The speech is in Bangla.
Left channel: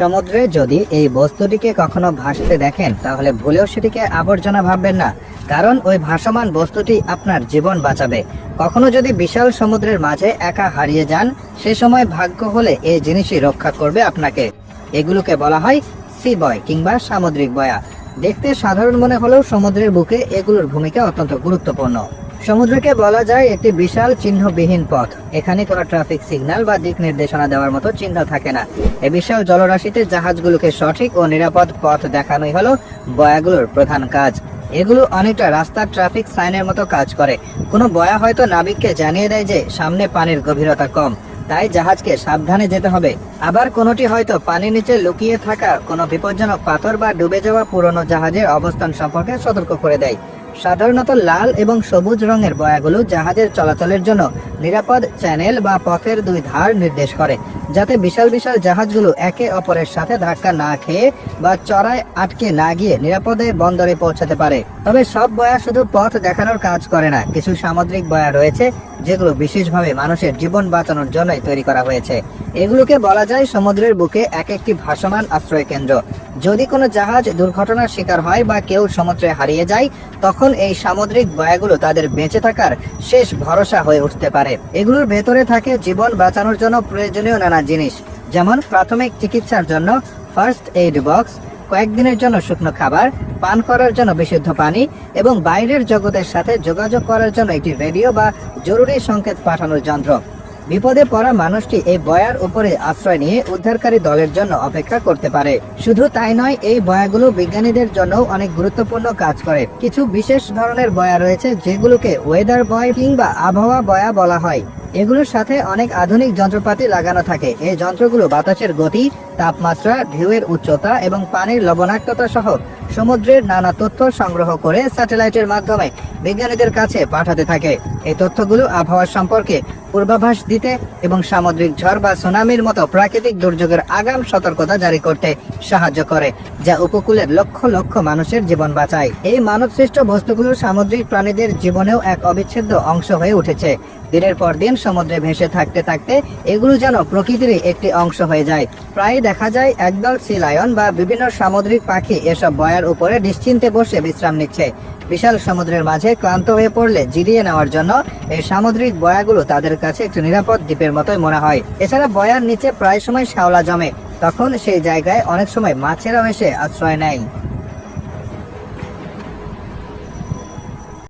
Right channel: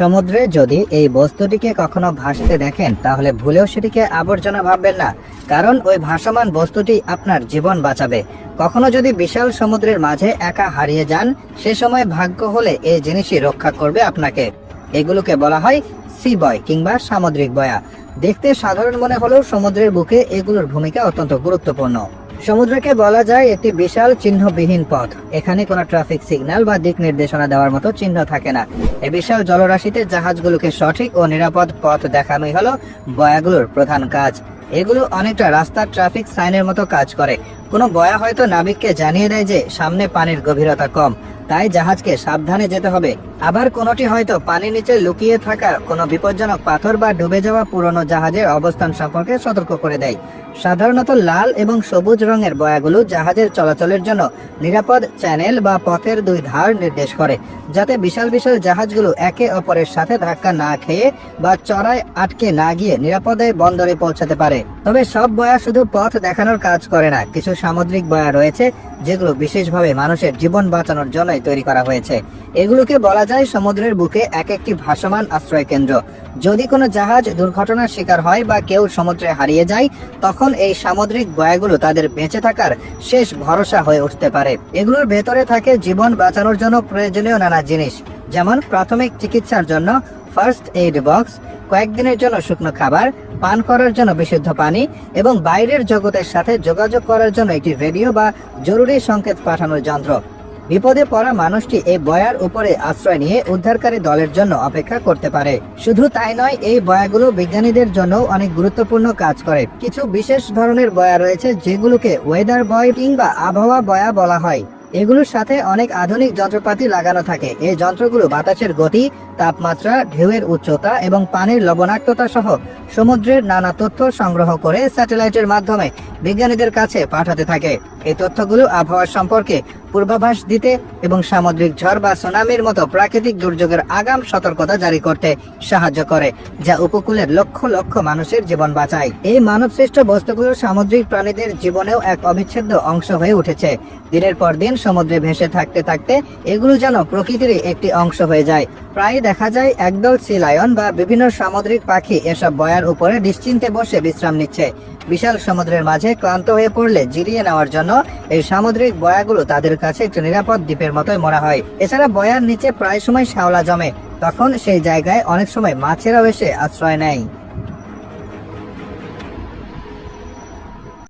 সমুদ্রে যদি এই বস্তুটিকে কখনো ভাসতে দেখেন, তাহলে ভুলেও সেটিকে আবর্জনা ভাববেন না। কারণ ওই ভাসমান বস্তুটি আপনার জীবন বাঁচাবে। কখনো যদি বিশাল সমুদ্রের মাঝে একা হারিয়ে যান, সে সময় ভাগ্য হলে এই জিনিসই রক্ষা করবে আপনাকে। এগুলোকে বলা হয় সি বয় কিংবা সামুদ্রিক বয়া। দেখতে সাধারণ মনে হলেও সমুদ্রের বুকে এগুলোর ভূমিকা অত্যন্ত গুরুত্বপূর্ণ। সমুদ্রকে বলা যায় একটি বিশাল চিহ্নবিহীন পথ। এখানে কোনো ট্রাফিক সিগন্যাল বা দিক নির্দেশনা দেওয়ার মতো চিহ্ন থাকে না। এই বিশাল জলরাশিতে জাহাজগুলোকে সঠিক ও নিরাপদ পথ দেখানোই হলো বয়াগুলোর প্রধান কাজ। এগুলো অনেকটা রাস্তার ট্রাফিক সাইনের মতো কাজ করে। কোনো বয়া হয়তো নাবিককে জানিয়ে দেয় যে সামনে পানির গভীরতা কম। তাই জাহাজকে সাবধানে যেতে হবে। আবার কোনোটি হয়তো পানির নিচে লুকিয়ে থাকা কোনো বিপজ্জনক পাথর বা ডুবে যাওয়া পুরনো জাহাজের অবস্থান সম্পর্কে সতর্ক করে দেয়। সাধারণত লাল এবং সবুজ রঙের বয়াগুলো জাহাজের চলাচলের জন্য নিরাপদ চ্যানেল বা পথের দুই ধার নির্দেশ করে, যাতে বিশাল বিশাল জাহাজগুলো একে অপরের সাথে ধাক্কা না খেয়ে বা চড়ায় আটকে না গিয়ে নিরাপদে বন্দরে পৌঁছাতে পারে। তবে সব বয়া শুধু পথ দেখানোর কাজ করে না, কিছু সামুদ্রিক বয়া রয়েছে যেগুলো বিশেষভাবে মানুষের জীবন বাঁচানোর জন্যই তৈরি করা হয়েছে। এগুলোকে বলা যায় সমুদ্রের বুকে এক একটি ভাসমান আশ্রয় কেন্দ্র। যদি কোনো জাহাজ দুর্ঘটনার শিকার হয় বা কেউ সমুদ্রে হারিয়ে যায়, তখন এই সামুদ্রিক বয়াগুলো তাদের বেঁচে থাকার শেষ ভরসা হয়ে উঠতে পারে। এগুলোর ভেতরে থাকে জীবন বাঁচানোর জন্য প্রয়োজনীয় নানা জিনিস, যেমন প্রাথমিক চিকিৎসার জন্য ফার্স্ট এইড বক্স, কয়েকদিনের জন্য শুকনো খাবার, পান করার জন্য বিশুদ্ধ পানি, এবং বাইরের জগতের সাথে যোগাযোগ করার জন্য একটি রেডিও বা জরুরি সংকেত পাঠানোর যন্ত্র। বিপদে পড়া মানুষটি এই বয়ার উপরে আশ্রয় নিয়ে উদ্ধারকারী দলের জন্য অপেক্ষা করতে পারে। শুধু তাই নয়, এই বয়াগুলো বিজ্ঞানীদের জন্য অনেক গুরুত্বপূর্ণ কাজ করে। কিছু বিশেষ ধরনের বয়া রয়েছে যেগুলোকে ওয়েদার বয় কিংবা আবহাওয়া বয়া বলা হয়। এগুলোর সাথে অনেক আধুনিক যন্ত্রপাতি লাগানো থাকে। এই যন্ত্রগুলো বাতাসের গতি, তাপমাত্রা, ঢেউয়ের উচ্চতা এবং পানির লবণাক্ততা সহ সমুদ্রের নানা তথ্য সংগ্রহ করে স্যাটেলাইটের মাধ্যমে বিজ্ঞানীদের কাছে পাঠাতে থাকে। এই তথ্যগুলো আবহাওয়া সম্পর্কে পূর্বাভাস দিতে এবং সামুদ্রিক ঝড় বা সুনামির মতো প্রাকৃতিক দুর্যোগের আগাম সতর্কতা জারি করতে সাহায্য করে, যা উপকূলের লক্ষ লক্ষ মানুষের জীবন বাঁচায়। এই মানবসৃষ্ট বস্তুগুলো সামুদ্রিক প্রাণীদের জীবনেও এক অবিচ্ছেদ্য অংশ হয়ে উঠেছে। দিনের পর দিন সমুদ্রে ভেসে থাকতে থাকতে এগুলো যেন প্রকৃতিরই একটি অংশ হয়ে যায়। প্রায় দেখা যায় একদল সি লায়ন বা বিভিন্ন সামুদ্রিক পাখি এসব বয়ার উপরে নিশ্চিন্তে বসে বিশ্রাম নিচ্ছে। বিশাল সমুদ্রের মাঝে ক্লান্ত হয়ে পড়লে জিরিয়ে নেওয়ার জন্য এই সামুদ্রিক বয়াগুলো তাদের কাছে একটি নিরাপদ দ্বীপের মতোই মনে হয়। এছাড়া বয়ার নিচে প্রায় সময় শ্যাওলা জমে, তখন সেই জায়গায় অনেক সময় মাছেরাও এসে আশ্রয় নেয়।